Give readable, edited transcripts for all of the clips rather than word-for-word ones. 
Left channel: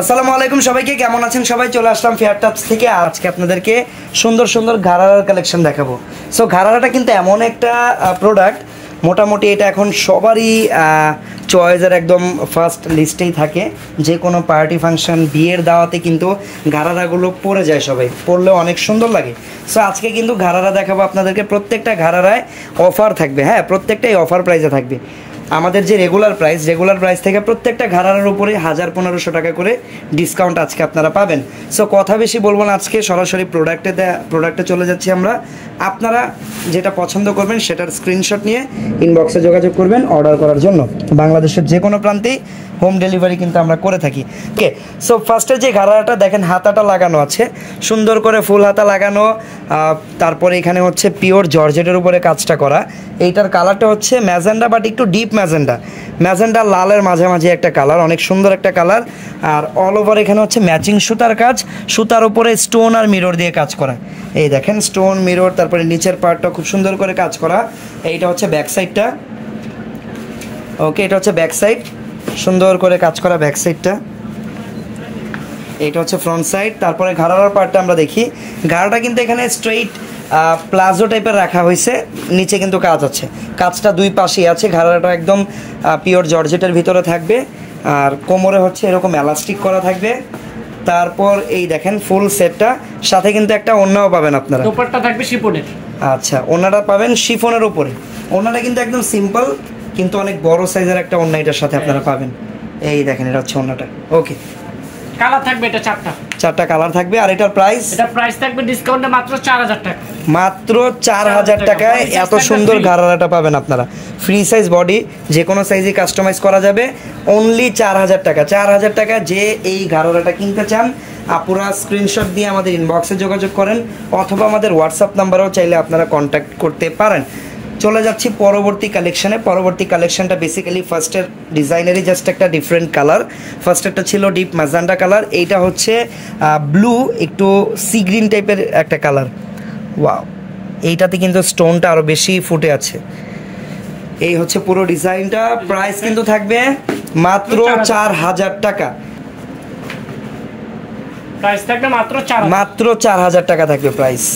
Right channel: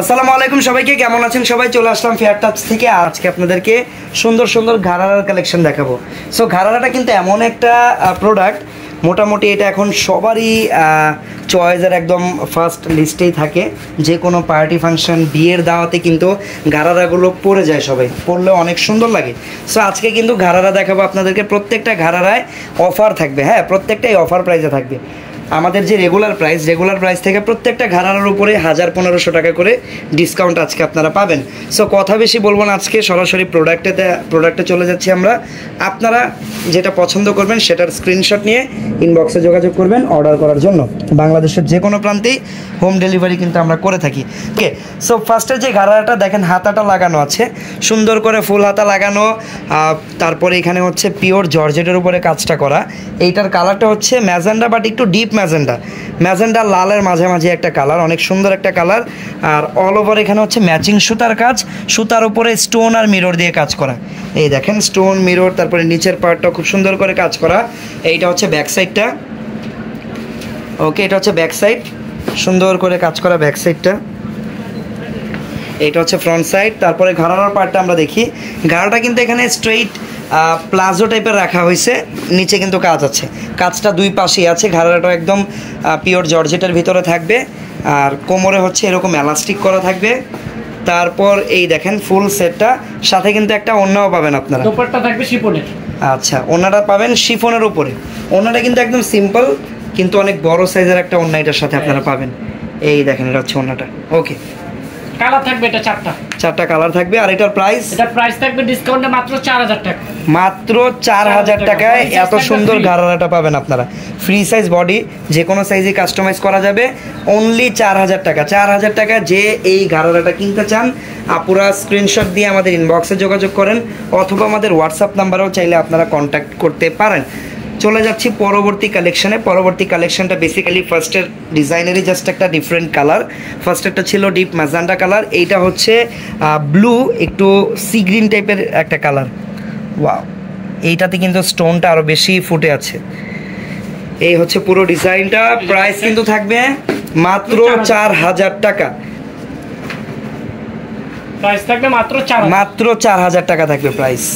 আসসালামু আলাইকুম সবাইকে, কেমন আছেন সবাই? চলে আসলাম ফেয়ার টাপস থেকে। আজকে আপনাদেরকে সুন্দর সুন্দর ঘাড়ারার কালেকশন দেখাবো। সো ঘাড়ারাটা কিন্তু এমন একটা প্রোডাক্ট, মোটামুটি এটা এখন সবারই চয়েসের একদম ফার্স্ট লিস্টেই থাকে। যে কোনো পার্টি ফাংশন, বিয়ের দাওয়াতে কিন্তু ঘাড়ারাগুলো পরে যায়, সবাই পরলেও অনেক সুন্দর লাগে। সো আজকে কিন্তু ঘাড়ারা দেখাবো আপনাদেরকে। প্রত্যেকটা ঘাড়ারায় অফার থাকবে, হ্যাঁ প্রত্যেকটাই অফার প্রাইসে থাকবে। আমাদের যে রেগুলার প্রাইস থেকে প্রত্যেকটা ঘাড়ার উপরে 1000-1500 টাকা করে ডিসকাউন্ট আজকে আপনারা পাবেন। সো কথা বেশি বলবো না, আজকে সরাসরি প্রোডাক্টে চলে যাচ্ছি আমরা। আপনারা যেটা পছন্দ করবেন সেটার স্ক্রিনশট নিয়ে ইনবক্সে যোগাযোগ করবেন অর্ডার করার জন্য। বাংলাদেশের যে কোনো প্রান্তেই হোম ডেলিভারি কিন্তু আমরা করে থাকি। ওকে, সো ফার্স্টে যে ঘাড়াটা দেখেন, হাতাটা লাগানো আছে সুন্দর করে, ফুল হাতা লাগানো। তারপরে এখানে হচ্ছে পিওর জর্জেটের উপরে কাজটা করা। এইটার কালারটা হচ্ছে ম্যাজেন্ডা, বাট একটু ডিপ ম্যাজেন্ডা লালের মাঝামাঝি একটা কালার, অনেক সুন্দর একটা কালার। আর অল ওভার এখানে হচ্ছে ম্যাচিং সুতার কাজ, সুতার উপরে স্টোন আর মিরর দিয়ে কাজ করা। এই দেখেন স্টোন, মিরর, তারপরে নিচের পার্টটা খুব সুন্দর করে কাজ করা। এইটা হচ্ছে ব্যাক সাইডটা। ওকে, এটা হচ্ছে ব্যাক সাইড, সুন্দর করে কাজ করা ব্যাক সাইডটা। এইটা হচ্ছে ফ্রন্ট সাইড। তারপরে ঘাড়ার পার্টটা আমরা দেখি। ঘাড়াটা কিন্তু এখানে স্ট্রেইট প্লাজো টাইপের রাখা হয়েছে, নিচে কিন্তু কাজ আছে, কাজটা দুই পাশেই আছে। ঘাড়াটা একদম পিওর জর্জেটের ভিতরে থাকবে, আর কোমরে হচ্ছে এরকম এলাস্টিক করা থাকবে। তারপর এই দেখেন ফুল সেটটা, সাথে কিন্তু একটা ওড়নাও পাবেন আপনারা। দোপাট্টা থাকবে শিফনের। আচ্ছা, ওড়নাটা পাবেন শিফনের উপরে। ওড়নাটা কিন্তু একদম সিম্পল, কিন্তু অনেক বড় সাইজের একটা ওড়না এটার সাথে আপনারা পাবেন। এই দেখেন, এটা হচ্ছে ওড়নাটা। ওকে, কালার থাকবে এটা চারটা কালার থাকবে। আর এটার প্রাইস থাকবে ডিসকাউন্টে মাত্র 4000 টাকা। মাত্র 4000 টাকায় এত সুন্দর ঘাড়ারাটা পাবেন আপনারা। ফ্রি সাইজ বডি, যে কোনো সাইজে কাস্টমাইজ করা যাবে। অনলি 4000 টাকা। 4000 টাকা যে এই ঘাড়ারাটা কিনতে চান, আপুরা স্ক্রিনশট দিয়ে আমাদের ইনবক্সে যোগাযোগ করেন, অথবা আমাদের হোয়াটসঅ্যাপ নাম্বারেও চাইলে আপনারা কন্ট্যাক্ট করতে পারেন। চলে যাচ্ছি পরবর্তী কালেকশনে। পরবর্তী কালেকশনটা বেসিক্যালি ফার্স্টের ডিজাইনেরই জাস্ট একটা ডিফারেন্ট কালার। ফার্স্টেরটা ছিল ডিপ ম্যাজেন্ডা কালার, এইটা হচ্ছে ব্লু, একটু সি গ্রিন টাইপের একটা কালার। ওয়াও, এইটাতে কিন্তু স্টোনটা আরো বেশি ফুটে আছে। এই হচ্ছে পুরো ডিজাইনটা। প্রাইস কিন্তু থাকবে মাত্র 4000 টাকা। প্রাইস থাকবে মাত্র 4000 টাকা থাকবে প্রাইস।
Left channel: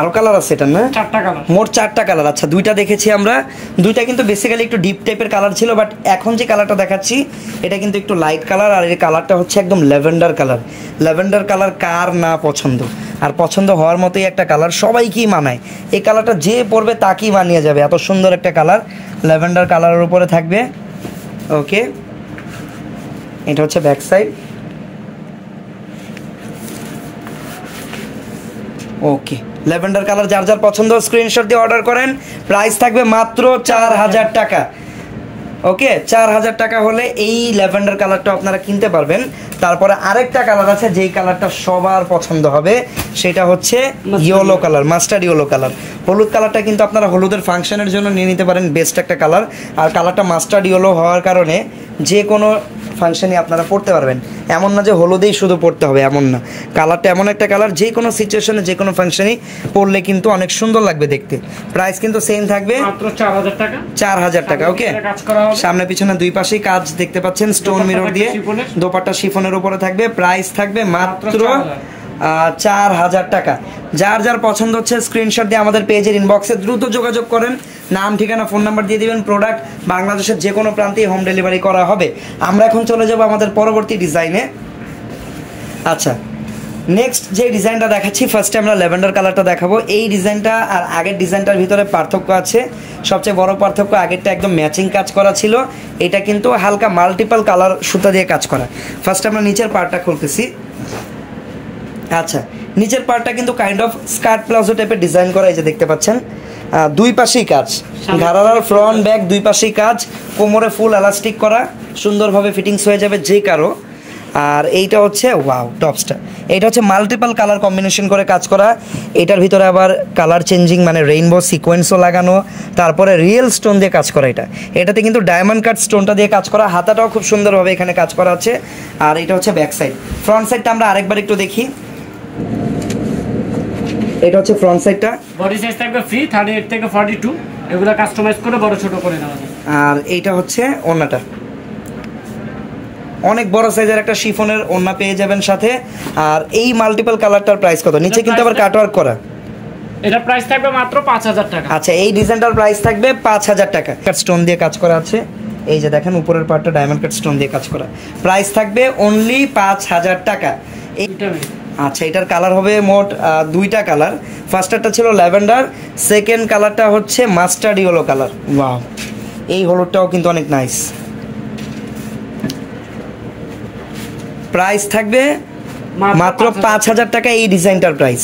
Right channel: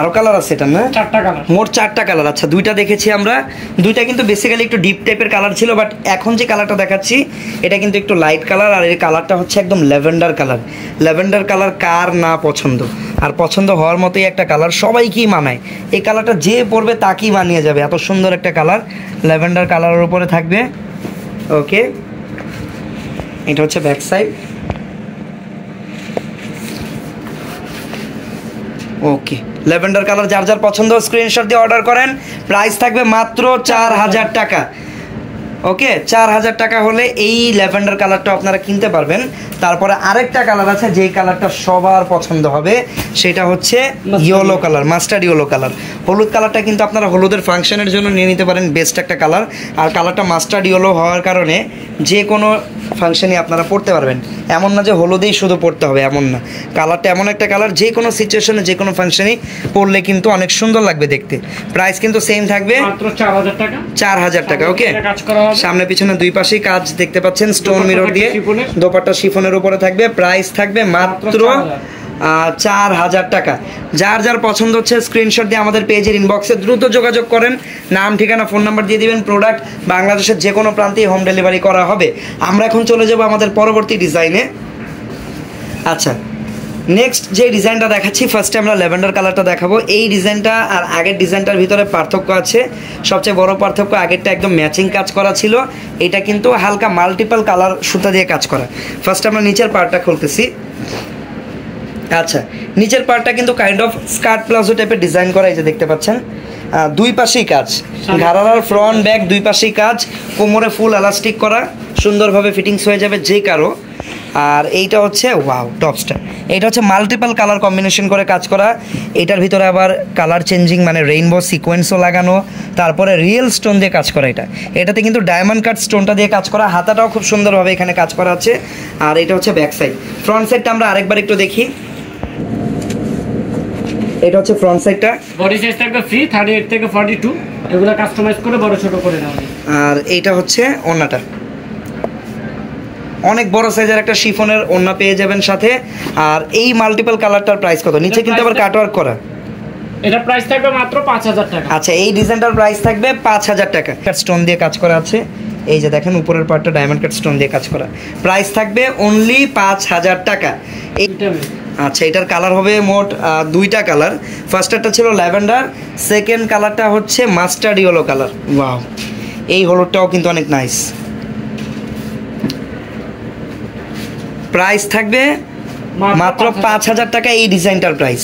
আরো কালার আছে এটা না? মোট 4টা কালার। আচ্ছা, দুইটা দেখেছি আমরা, দুইটা কিন্তু বেসিক্যালি একটু ডিপ টাইপের কালার ছিল, বাট এখন যে কালারটা দেখাচ্ছি এটা কিন্তু একটু লাইট কালার। আর এই কালারটা হচ্ছে একদম ল্যাভেন্ডার কালার। ল্যাভেন্ডার কালার কার না পছন্দ, আর পছন্দ হওয়ার মতোই একটা কালার, সবাইকেই মানায়। এই কালারটা যে পরবে তাকেই মানিয়ে যাবে, এত সুন্দর একটা কালার। ল্যাভেন্ডার কালারের উপরে থাকবে। ওকে, এটা হচ্ছে ব্যাক সাইড। ওকে, ল্যাভেন্ডার কালার যার যার পছন্দ স্ক্রিনশট দিয়ে অর্ডার করেন। প্রাইস থাকবে মাত্র 4000 টাকা। ওকে, 4000 টাকা হলে এই ল্যাভেন্ডার কালারটা আপনারা কিনতে পারবেন। তারপরে আরেকটা কালার আছে, যেই কালারটা সবার পছন্দ হবে, সেটা হচ্ছে yellow colour, mustard yellow colour. হলুদ কালারটা কিন্তু আপনারা হলুদের ফাংশনের জন্য নিয়ে নিতে পারেন, বেস্ট একটা কালার। আর কালারটা মাস্টার্ড ইয়েলো হওয়ার কারণে যে কোনো ফাংশনে আপনারা পড়তে পারবেন। এমন না যে হলুদেই শুধু পড়তে হবে, এমন না। কালারটা এমন একটা কালার, যে কোনো সিচুয়েশনে যে কোনো ফাংশনে পড়লে কিন্তু অনেক সুন্দর লাগবে দেখতে। প্রাইস কিন্তু সেম থাকবে মাত্র 4000 টাকা। 4000 টাকা। ওকে, সামনে পিছনে দুই পাশেই কাজ দেখতে পাচ্ছেন স্টোন মিরর দিয়ে। দোপাট্টা শিফনের উপরে থাকবে। প্রাইস থাকবে মাত্র 4000 টাকা। যার যার পছন্দ হচ্ছে স্ক্রিনশট দিয়ে আমাদের পেজের ইনবক্সে দ্রুত যোগাযোগ করেন। নাম, ঠিকানা, ফোন নাম্বার দিয়ে দিবেন। প্রোডাক্ট বাংলাদেশের যে কোনো প্রান্তে হোম ডেলিভারি করা হবে। আমরা এখন চলে যাব আমাদের পরবর্তী ডিজাইনে। আচ্ছা, নেক্সট যে ডিজাইনটা দেখাচ্ছি, ফার্স্টে আমরা ল্যাভেন্ডার কালারটা দেখাবো। এই ডিজাইনটা আর আগের ডিজাইনটার ভিতরে পার্থক্য আছে। সবচেয়ে বড় পার্থক্য, আগেরটা একদম ম্যাচিং কাজ করা ছিল, এটা কিন্তু হালকা মাল্টিপল কালার সুতা দিয়ে কাজ করা। ফার্স্ট আমরা নিচের পার্টটা খুলতেছি। আচ্ছা, নিচের পার্টটা কিন্তু কাইন্ড অফ স্কার্ট প্লাজো টাইপের ডিজাইন করা, এই যে দেখতে পাচ্ছেন। দুই পাশেই কাজ, ঘাড়ার ফ্রন্ট ব্যাক দুই পাশেই কাজ। কোমরে ফুল এলাস্টিক করা, সুন্দরভাবে ফিটিংস হয়ে যাবে যে কারো। আর এইটা হচ্ছে ওয়াও টপসটা, এটা হচ্ছে মাল্টিপল কালার কম্বিনেশন করে কাজ করা। এটার ভিতরে আবার কালার চেঞ্জিং মানে রেইনবো সিকোয়েন্সও লাগানো, তারপরে রিয়েল স্টোন দিয়ে কাজ করা। এটাতে কিন্তু ডায়মন্ড কাট স্টোনটা দিয়ে কাজ করা। হাতাটাও খুব সুন্দরভাবে এখানে কাজ করা আছে। আর এটা হচ্ছে ব্যাক সাইড। ফ্রন্ট সাইডটা আমরা আরেকবার একটু দেখি। এটা হচ্ছে ফ্রন্ট সাইডটা। বডি সাইজ থাকবে ফ্রি 38 থেকে 42, এগুলো কাস্টমাইজ করে বড় ছোট করে নেওয়া যায়। আর এইটা হচ্ছে ওড়নাটা, অনেক বড় সাইজের একটা শিফনের ওড়না পেয়ে যাবেন সাথে। আর এই মাল্টিপল কালারটার প্রাইস কত? নিচে কিন্তু আবার কাটওয়ার্ক করা। এটা প্রাইস থাকবে মাত্র 5000 টাকা। আচ্ছা, এই ডিজাইনটার প্রাইস থাকবে 5000 টাকা। স্টোন দিয়ে কাজ করা আছে, এই যে দেখেন উপরের পার্টটা ডায়মন্ড কাট স্টোন দিয়ে কাজ করা। প্রাইস থাকবে অনলি 5000 টাকা। আচ্ছা, এটার কালার হবে মোট দুইটা কালার। ফার্স্টটা ছিল ল্যাভেন্ডার, সেকেন্ড কালারটা হচ্ছে মাস্টার্ড ইয়েলো কালার। ওয়াও, এই হলুদটাও কিন্তু অনেক নাইস। প্রাইস থাকবে মাত্র 5000 টাকা এই ডিজাইনটার প্রাইস।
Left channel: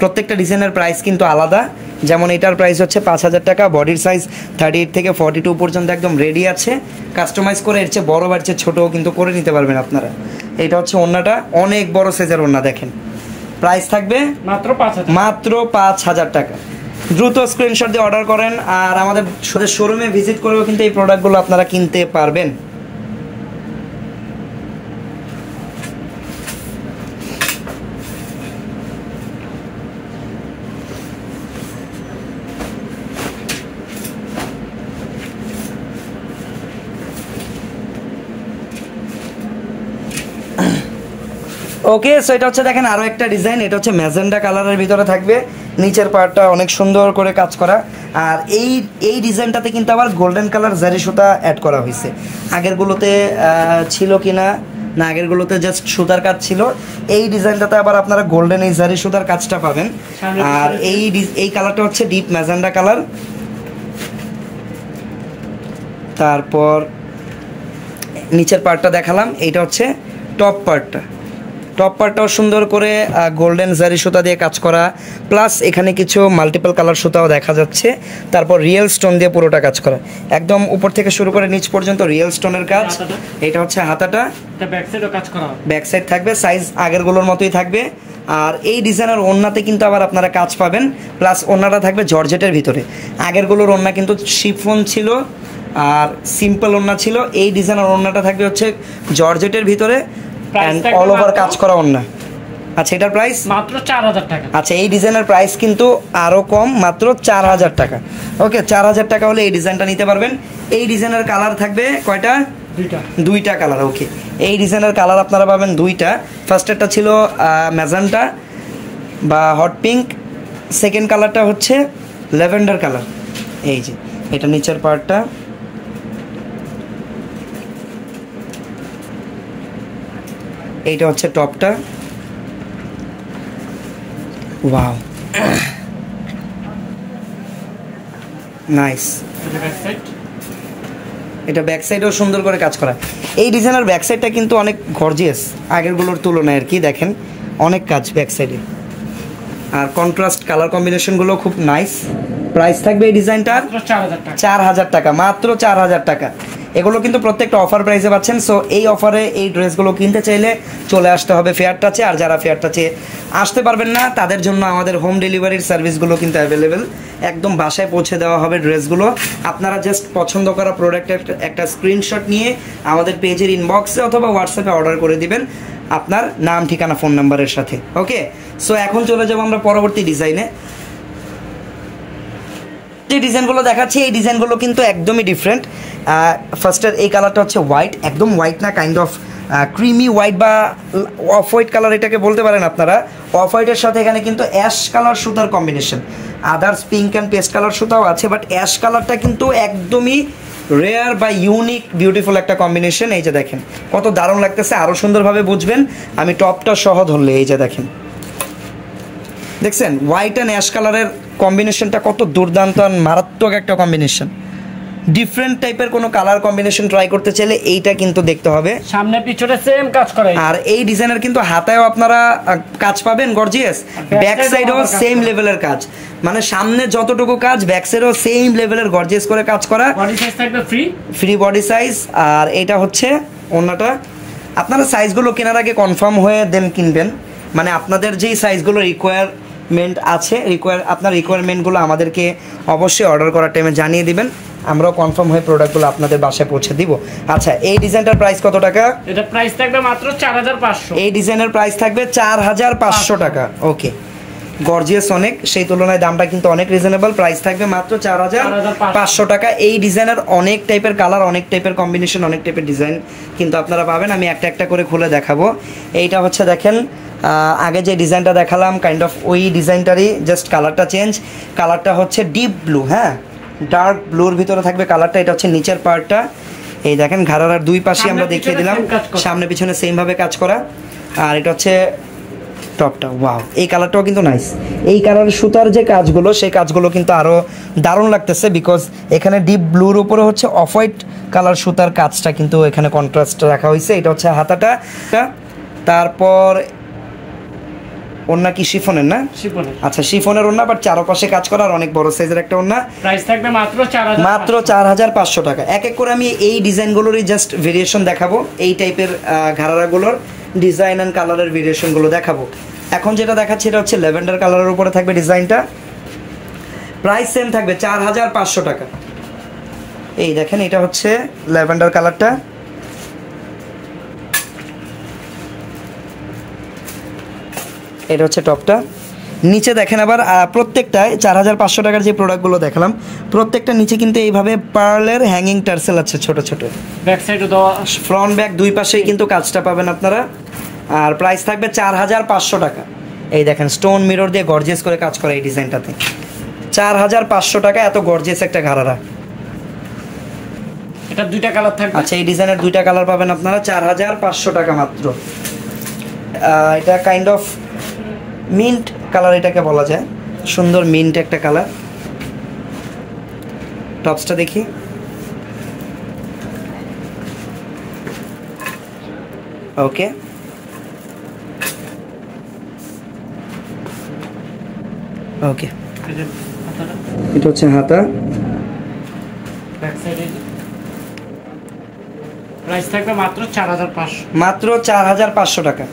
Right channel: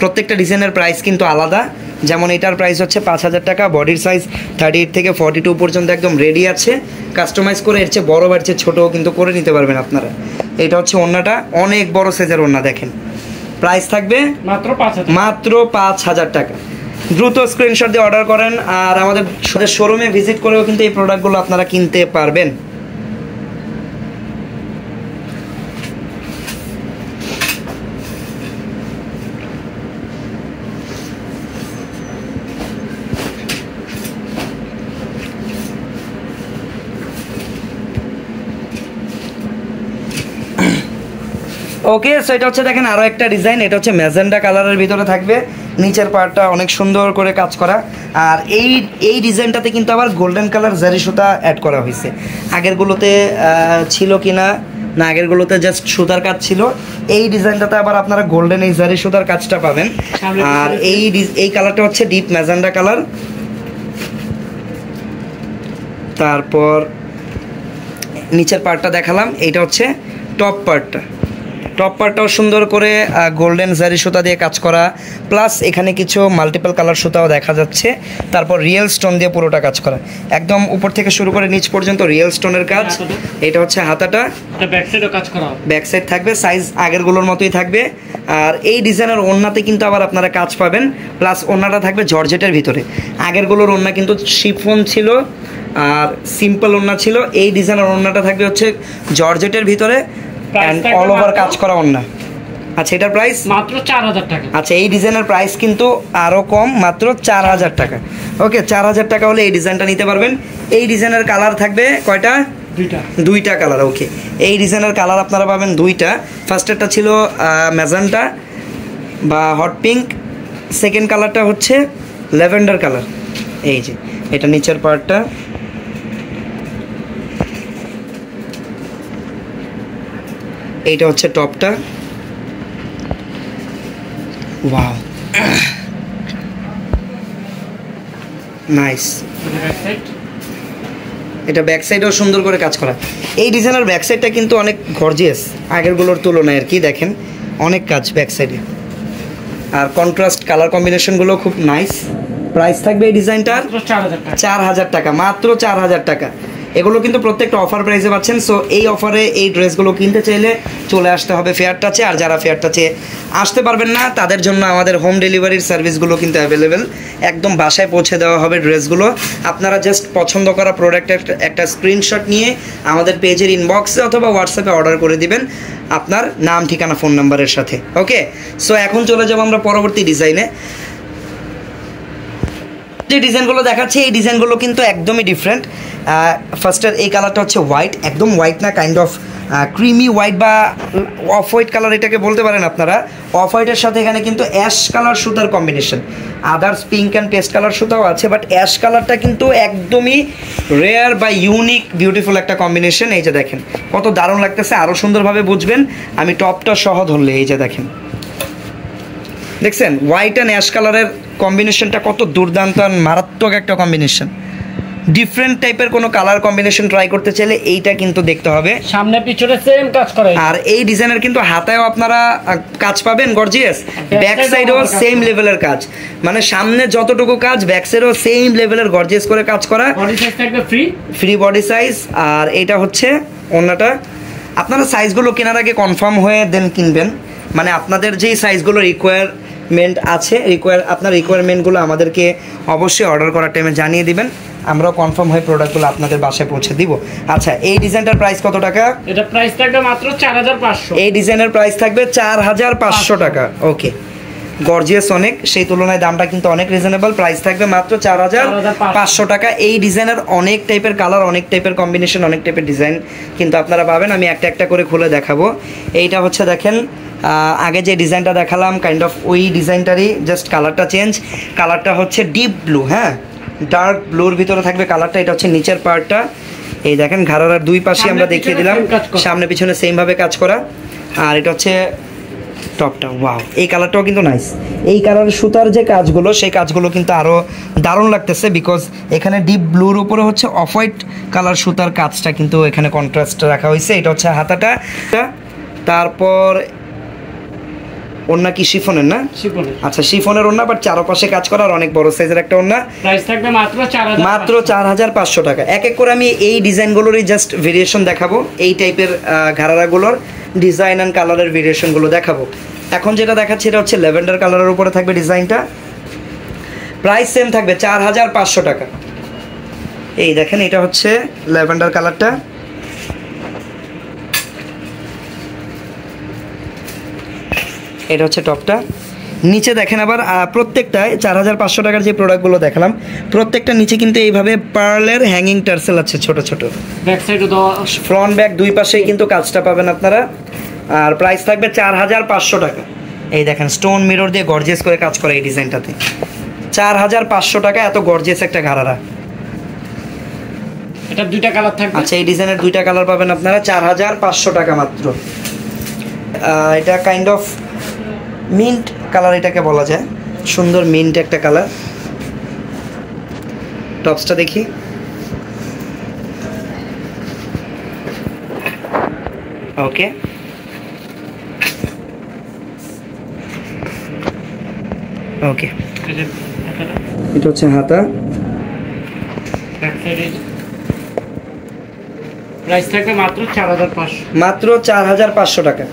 প্রত্যেকটা ডিজাইনের প্রাইস কিন্তু আলাদা। যেমন এটার প্রাইস হচ্ছে 5000 টাকা, বডির সাইজ 38 থেকে 42 পর্যন্ত একদম রেডি আছে। কাস্টমাইজ করে এর চেয়ে বড় বা এর চেয়ে ছোটও কিন্তু করে নিতে পারবেন আপনারা। এটা হচ্ছে ওড়নাটা, অনেক বড় সাইজের ওড়না দেখেন। প্রাইস থাকবে মাত্র 5000 টাকা। দ্রুত স্ক্রিনশট দিয়ে অর্ডার করেন, আর আমাদের শোরুমে ভিজিট করেও কিন্তু এই প্রোডাক্টগুলো আপনারা কিনতে পারবেন। ওকে, সো এটা হচ্ছে দেখেন আরো একটা ডিজাইন। এটা হচ্ছে ম্যাজেন্ডা কালারের ভিতরে থাকবে, নিচের পার্টটা অনেক সুন্দর করে কাজ করা। আর এই ডিজাইনটাতে কিন্তু আবার গোল্ডেন কালার জারি সুতা অ্যাড করা হয়েছে। আগেরগুলোতে ছিল কিনা না, আগেরগুলোতে জাস্ট সুতার কাজ ছিল। এই ডিজাইনটাতে আবার আপনারা গোল্ডেন এই জারি সুতার কাজটা পাবেন। আর এই কালারটা হচ্ছে ডিপ ম্যাজেন্ডা কালার। তারপর নিচের পার্টটা দেখালাম, এইটা হচ্ছে টপ পার্টটা। টপ পার্টটাও সুন্দর করে গোল্ডেন জারি সুতা দিয়ে কাজ করা, প্লাস এখানে কিছু মাল্টিপল কালার সুতাও দেখা যাচ্ছে। তারপর রিয়েল স্টোন দিয়ে পুরোটা কাজ করা, একদম উপর থেকে শুরু করে নিচ পর্যন্ত রিয়েল স্টোনের কাজ। এটা হচ্ছে হাতাটা, ব্যাক সাইডও কাজ করা, ব্যাক সাইড থাকবে, সাইজ আগেরগুলোর মতোই থাকবে। আর এই ডিজাইনের ওড়নাতে কিন্তু আবার আপনারা কাজ পাবেন, প্লাস ওড়নাটা থাকবে জর্জেটের ভিতরে। আগেরগুলোর ওড়না কিন্তু শিফন ছিল আর সিম্পল ওড়না ছিল। এই ডিজাইনের ওড়নাটা থাকবে হচ্ছে জর্জেটের ভিতরে, অল ওভার কাজ করা ওড়না। আচ্ছা, এটার প্রাইস মাত্র 4000 টাকা। আচ্ছা, এই ডিজাইনের প্রাইস কিন্তু আরো কম, মাত্র 4000 টাকা। ওকে, 4000 টাকা হলে এই ডিজাইনটা নিতে পারবেন। এই ডিজাইনের কালার থাকবে কয়টা? দুইটা কালার। ওকে, এই ডিজাইনের কালার আপনারা পাবেন দুইটা। ফার্স্টেরটা ছিল ম্যাজেন্টা বা হট পিঙ্ক, সেকেন্ড কালারটা হচ্ছে ল্যাভেন্ডার কালার। এই যে এটা নিচের পার্টটা, এইটা হচ্ছে টপটা। Wow, nice. এটা ব্যাক সাইডেও সুন্দর করে কাজ করা। এই ডিজাইনের ব্যাক সাইডটা কিন্তু অনেক গর্জিয়াস আগেরগুলোর তুলনায় আর কি। দেখেন অনেক কাজ ব্যাক সাইডে, আর কন্ট্রাস্ট কালার কম্বিনেশনগুলো খুব নাইস। প্রাইস থাকবে এই ডিজাইনটার 4000 টাকা, মাত্র 4000 টাকা। এগুলো কিন্তু প্রত্যেকটা অফার প্রাইসে পাচ্ছেন। সো এই অফারে এই ড্রেসগুলো কিনতে চাইলে চলে আসতে হবে ফেয়ার টাচে। আর যারা ফেয়ার টাচে আসতে পারবেন না, তাদের জন্য আমাদের হোম ডেলিভারির সার্ভিসগুলো কিন্তু অ্যাভেলেবেল। একদম বাসায় পৌঁছে দেওয়া হবে ড্রেসগুলো। আপনারা জাস্ট পছন্দ করা প্রোডাক্টের একটা স্ক্রিনশট নিয়ে আমাদের পেজের ইনবক্সে অথবা হোয়াটসঅ্যাপে অর্ডার করে দিবেন আপনার নাম, ঠিকানা, ফোন নাম্বারের সাথে। ওকে, সো এখন চলে যাবো আমরা পরবর্তী ডিজাইনে। যে ডিজাইনগুলো দেখাচ্ছি, এই ডিজাইনগুলো কিন্তু একদমই ডিফারেন্ট। ফার্স্টের এই কালারটা হচ্ছে হোয়াইট, একদম হোয়াইট না, কাইন্ড অফ ক্রিমি হোয়াইট বা অফ হোয়াইট কালার এটাকে বলতে পারেন আপনারা। অফ হোয়াইটের সাথে এখানে কিন্তু অ্যাশ কালার সুতার combination, others pink and paste colour সুতাও আছে, বাট অ্যাশ কালারটা কিন্তু একদমই রেয়ার বা ইউনিক বিউটিফুল একটা কম্বিনেশন। এই যে দেখেন কত দারুণ লাগতেছে, আরও সুন্দরভাবে বুঝবেন আমি টপটা সহ ধরলে। এই যে দেখেন, দেখছেন হোয়াইট অ্যান্ড অ্যাশ কালারের কম্বিনেশনটা কত দুর্দান্ত আর মারাত্মক একটা কম্বিনেশন। ডিফারেন্ট টাইপের কোনো কালার কম্বিনেশন ট্রাই করতে চাইলে এইটা কিন্তু দেখতে হবে। সামনে পিছনে সেম কাজ করে, আর এই ডিজাইনের কিন্তু হাতায়ও আপনারা কাজ পাবেন গর্জিয়াস, ব্যাক সাইডেও সেম লেভেলের কাজ, মানে সামনে যতটুকু কাজ ব্যাক সাইডেও সেম লেভেলের গর্জিয়াস করে কাজ করা। বডি সাইজ থাকবে ফ্রি বডি সাইজ। আর এটা হচ্ছে ওড়নাটা। আপনারা সাইজগুলো কেনার আগে কনফার্ম হয়ে দেন কিনবেন, মানে আপনাদের যেই সাইজগুলো রিকোয়ারমেন্ট আছে, আপনার রিকোয়ারমেন্টগুলো আমাদেরকে অবশ্যই অর্ডার করার টাইমে জানিয়ে দিবেন, আমরা কনফার্ম হয়ে প্রোডাক্টগুলো আপনাদের বাসায় পৌঁছে দিব। আচ্ছা, এই ডিজাইনটার প্রাইস কত টাকা? এটা প্রাইস থাকবে মাত্র 4500। এই ডিজাইনের প্রাইস থাকবে 4500 টাকা। ওকে, গর্জিয়াস অনেক, সেই তুলনায় দামটা কিন্তু অনেক রিজনেবল। প্রাইস থাকবে মাত্র 4500 টাকা। এই ডিজাইনের অনেক টাইপের কালার, অনেক টাইপের কম্বিনেশন, অনেক টাইপের ডিজাইন কিন্তু আপনারা পাবেন। আমি একটা একটা করে খুলে দেখাবো। এইটা হচ্ছে দেখেন আগে যে ডিজাইনটা দেখালাম কাইন্ড অফ ওই ডিজাইনটারই, জাস্ট কালারটা চেঞ্জ। কালারটা হচ্ছে ডিপ ব্লু, হ্যাঁ ডার্ক ব্লুর ভিতরে থাকবে কালারটা। এটা হচ্ছে নিচের পার্টটা, এই দেখেন ঘাড়ার দুই পাশে আমরা দেখিয়ে দিলাম, সামনে পিছনে সেম ভাবে কাজ করা। আর এটা হচ্ছে টপটা। ওয়াও, এই কালারটাও কিন্তু নাইস। এই কালারের সুতার যে কাজগুলো, সেই কাজগুলো কিন্তু আরো দারুণ লাগতেছে, বিকজ এখানে ডিপ ব্লুর উপরে হচ্ছে অফ হোয়াইট কালার সুতার কাজটা কিন্তু এখানে কন্ট্রাস্ট রাখা হয়েছে। এটা হচ্ছে হাতাটা। তারপর ওন্না কি শিফনের না? শিফনের। আচ্ছা শিফনের ওন্না, বাট চারপাশে কাজ করা আর অনেক বড় সাইজের একটা ওন্না। প্রাইস থাকবে মাত্র 4500 টাকা। এক এক করে আমি এই ডিজাইনগুলোরই জাস্ট ভেরিয়েশন দেখাবো, এই টাইপের ঘাড়ারাগুলোর ডিজাইন এন্ড কালারের ভেরিয়েশনগুলো দেখাবো। এখন যেটা দেখাচ্ছি এটা হচ্ছে ল্যাভেন্ডার কালারের উপরে থাকবে ডিজাইনটা। প্রাইস সেম থাকবে 4500 টাকা। এই দেখেন এটা হচ্ছে ল্যাভেন্ডার কালারটা। এটা হচ্ছে টপটা। নিচে দেখেন আবার প্রত্যেকটায় 4500 টাকার যে প্রোডাক্টগুলো দেখালাম, প্রত্যেকটা নিচে কিন্তু এইভাবে পার্লের হ্যাঙ্গিং টার্সেল আছে ছোট ছোট। ব্যাক সাইডে দেওয়া, ফ্রন্ট ব্যাক দুই পাশেই কিন্তু কাজটা পাবেন আপনারা। আর প্রাইস থাকবে 4500 টাকা। এই দেখেন স্টোন মিরর দিয়ে গর্জিয়াস করে কাজ করে এই ডিজাইনটাতে। 4500 টাকা, এত গর্জিয়াস একটা ঘাড়ারা। এটা দুইটা কালার থাকবে। আচ্ছা এই ডিজাইনের দুইটা কালার পাবেন আপনারা 4500 টাকা মাত্র। এটা কাইন্ড অফ মিন্ট কালার এটাকে বলা যায়, সুন্দর মিন্ট একটা কালার। টপসটা দেখি। ওকে, ওকে এটা হচ্ছে হাতা। ব্যাক সাইডে প্রাইস থাকবে মাত্র 4500। মাত্র 4500 টাকা।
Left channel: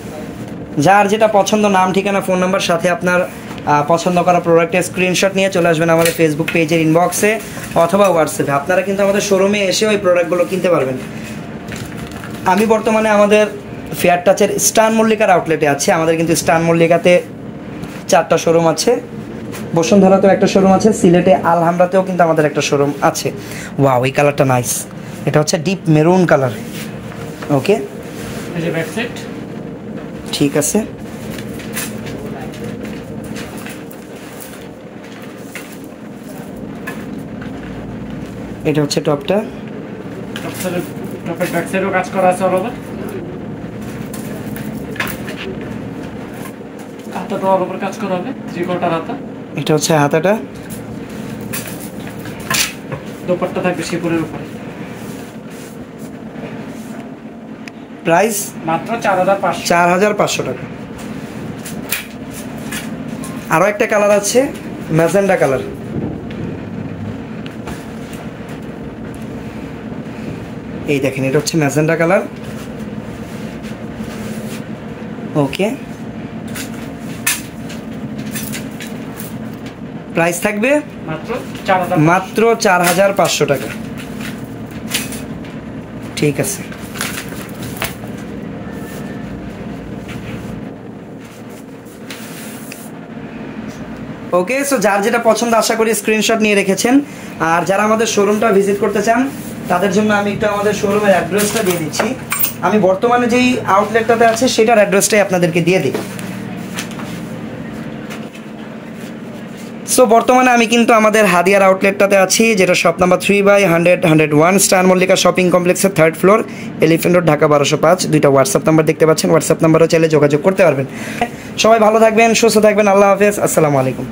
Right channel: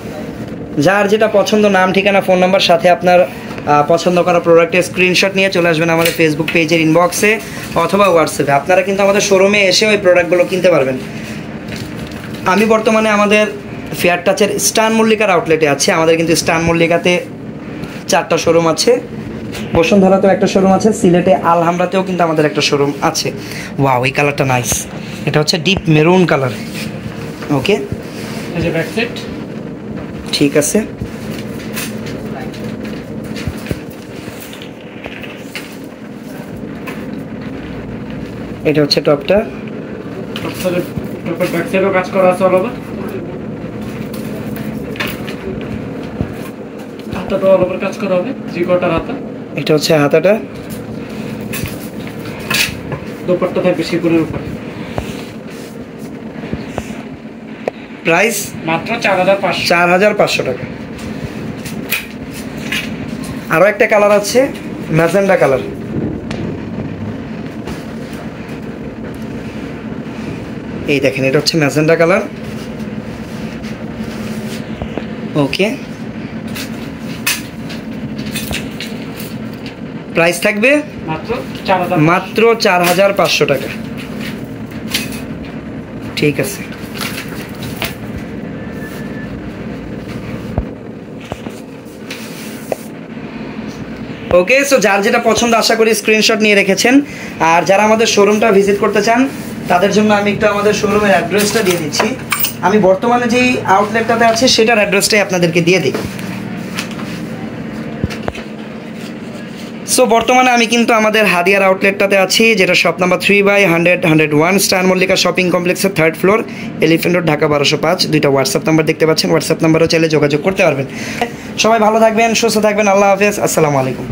যার যেটা পছন্দ, নাম ঠিকানা ফোন নাম্বার সাথে আপনার পছন্দ করা প্রোডাক্টের স্ক্রিনশট নিয়ে চলে আসবেন আমাদের ফেসবুক পেজের ইনবক্সে অথবা হোয়াটসঅ্যাপে। আপনারা কিন্তু আমাদের শোরুমে এসে ওই প্রোডাক্টগুলো কিনতে পারবেন। আমি বর্তমানে আমাদের ফেয়ার টাচের স্টান মল্লিকার আউটলেটে আছি। আমাদের কিন্তু স্টান মল্লিকাতে 4টা শোরুম আছে, বসুন্ধরাতেও একটা শোরুম আছে, সিলেটে আলহামরাতেও কিন্তু আমাদের একটা শোরুম আছে। ওয়াও, এই কালারটা নাইস। এটা হচ্ছে ডিপ মেরুন কালার। ওকে, এই যে ব্যাক সাইড। ঠিক আছে, এটা হচ্ছে টপটা। টপের ব্যাক সাইডেও কাজ করা আছে অল ওভার। হাতাটা অল ওভার কাজ করা হবে, 3/4 হাতা। এটা হচ্ছে হাতাটা। দোপাট্টা থাকবে শিপুরের উপরে। প্রাইস মাত্র 4500 টাকা। আরো একটা কালার আছে ম্যাজেন্ডা কালার। এই দেখেন এটা হচ্ছে ম্যাজেন্ডা কালার। ওকে, প্রাইস থাকবে মাত্র 4500 টাকা। ঠিক আছে, ওকে। সো যার যেটা পছন্দ আশা করি স্ক্রিনশট নিয়ে রেখেছেন। আর যারা আমাদের শোরুমটা ভিজিট করতে চান তাদের জন্য আমি একটু আমাদের শোরুমের অ্যাড্রেসটা দিয়ে দিচ্ছি। আমি বর্তমানে যেই আউটলেটটাতে আছি সেটার অ্যাড্রেসটাই আপনাদেরকে দিয়ে দিই। সো বর্তমানে আমি কিন্তু আমাদের হাদিয়ার আউটলেটটাতে আছি, যেটা shop number 3/100-101 star Mallika shopping কমপ্লেক্সের 3rd floor, elephant road, Dhaka 1205। দুইটা হোয়াটসঅ্যাপ নাম্বার দেখতে পাচ্ছেন, হোয়াটসঅ্যাপ নাম্বারও চাইলে যোগাযোগ করতে পারবেন। সবাই ভালো থাকবেন, সুস্থ থাকবেন। আল্লাহ হাফেজ, আসসালামু আলাইকুম।